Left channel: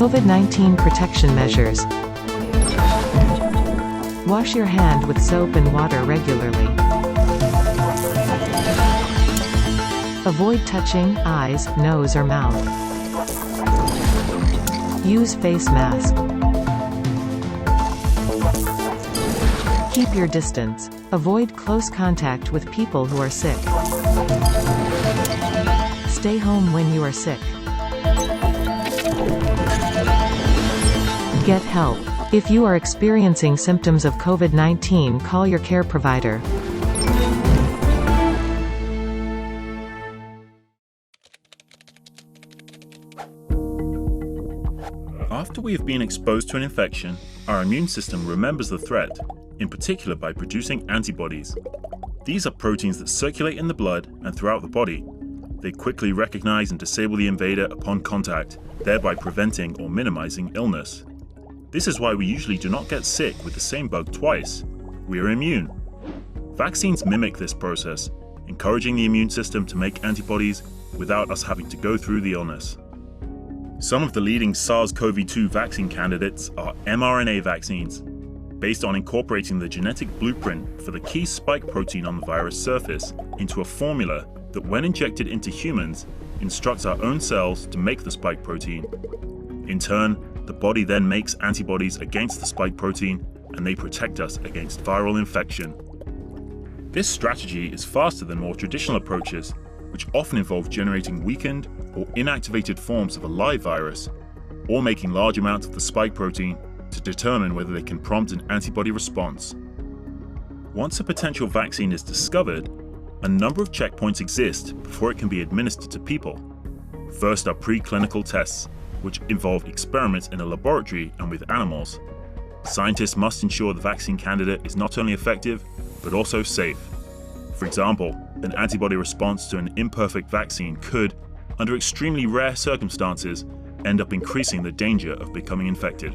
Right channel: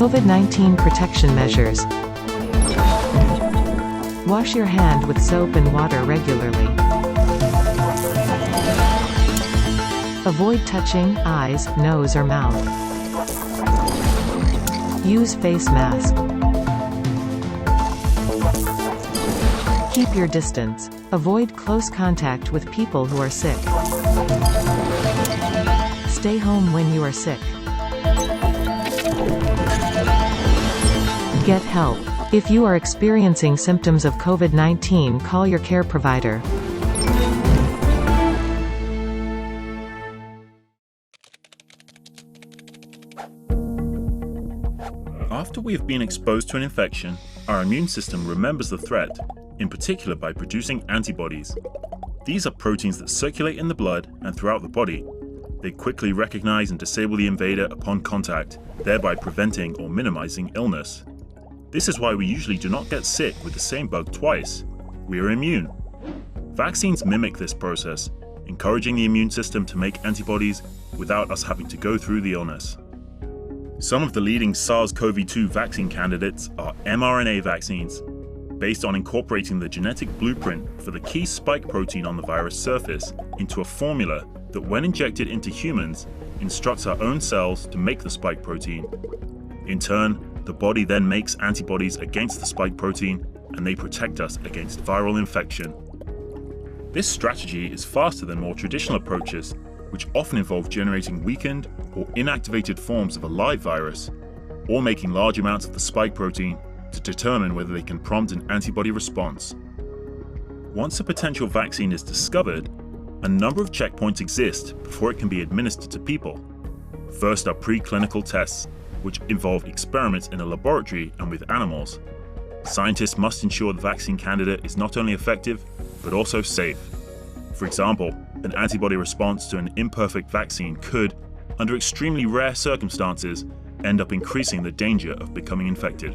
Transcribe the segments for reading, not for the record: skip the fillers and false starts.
COVID-19 protection measures. Wash your hand with soap and water regularly. Avoid touching eyes, nose or mouth. Use face mask. Keep your distance. Avoid close contact with people who are sick. Stay home when you are sick. Get help. If you are experiencing symptoms of COVID-19, call your care provider. After we have been exposed to an infection, our immune system remembers the threat, in particular by producing antibodies. These are proteins that circulate in the blood and throughout the body. They quickly recognize and disable the invader upon contact, thereby preventing or minimizing illness. This is why we usually do not get sick with the same bug twice. We are immune. Vaccines mimic this process, encouraging the immune system to make antibodies without us having to go through the illness. Some of the leading SARS-CoV-2 vaccine candidates are mRNA vaccines, based on incorporating the genetic blueprint for the key spike protein on the virus surface into a formula that, when injected into humans, instructs our own cells to make the spike protein. In turn, the body then makes antibodies against the spike protein, and they protect us against viral infection. This strategy is faster than more traditional approaches, which often involve generating weakened or inactivated forms of a live virus, or making large amounts of the spike protein to determine whether they can prompt an antibody response. Once a potential vaccine is discovered, a number of checkpoints exist before it can be administered to people. First are preclinical tests, which involve experiments in a laboratory and with animals. Scientists must ensure the vaccine candidate is not only effective, but also safe. For example, an antibody response to an imperfect vaccine could, under extremely rare circumstances, end up increasing the danger of becoming infected.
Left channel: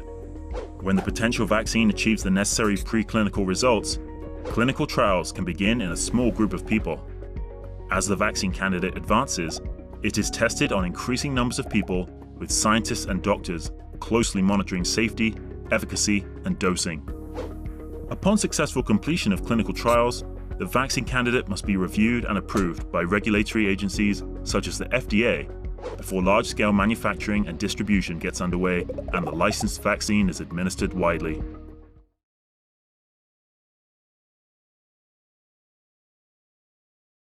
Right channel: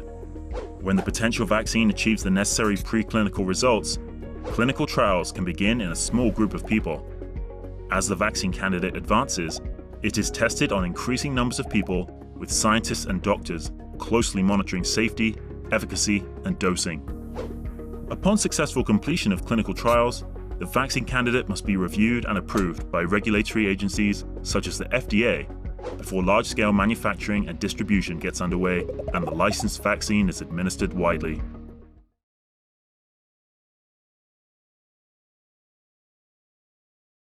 When the potential vaccine achieves the necessary preclinical results, clinical trials can begin in a small group of people. As the vaccine candidate advances, it is tested on increasing numbers of people, with scientists and doctors closely monitoring safety, efficacy, and dosing. Upon successful completion of clinical trials, the vaccine candidate must be reviewed and approved by regulatory agencies such as the FDA before large-scale manufacturing and distribution gets underway and the licensed vaccine is administered widely.